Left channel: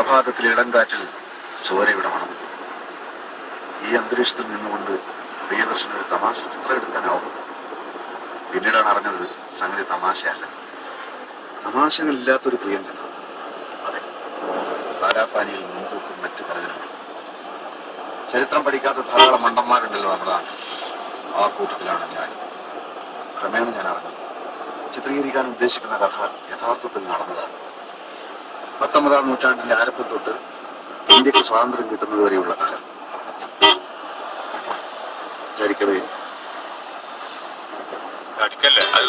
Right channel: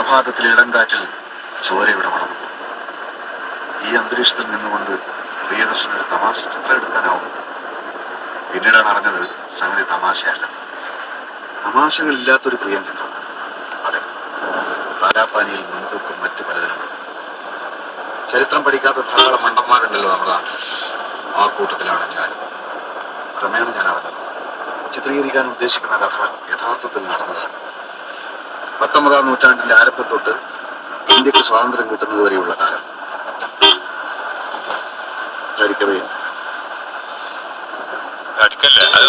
പ്രഭാതത്തിലെ ഇളങ്കാറ്റിൽ ചോരയുടെ മണം. ഈ അന്തരീക്ഷത്തിൽ നിന്നുകൊണ്ട് പ്രിയദർശന ഒരു തമാശ ചിത്രം എടുക്കാനാവും. പിന്നീടാണ് അറിഞ്ഞത് സംഗതി തമാശയല്ല, തമാശകളില്ലാത്തൊരു പ്രിയം ചിത്രം. അതെ, കാലാപ്പാനിയിൽ മുൻതൂക്കം മറ്റു പലതിനും. ചരിത്രം പഠിക്കാത്ത ധാരാളം മണ്ടന്മാരുണ്ടല്ലോ നമ്മുടെ നാട്ടിൽ. ആ കൂട്ടത്തിലാണ് ഞാൻ. ക്രമേണ ഞാൻ അറിഞ്ഞത് ചിത്രീകരിക്കാൻ ഉദ്ദേശിക്കുന്ന കഥ യഥാർത്ഥത്തിൽ നടന്നതാണ്. 19ാം നൂറ്റാണ്ടിന്റെ ആരംഭം തൊട്ട് ഇന്ത്യക്ക് സ്വാതന്ത്ര്യം കിട്ടുന്നത് വരെയുള്ള കാലം. ധരിക്കവേ അടിക്കല്ലേ അത്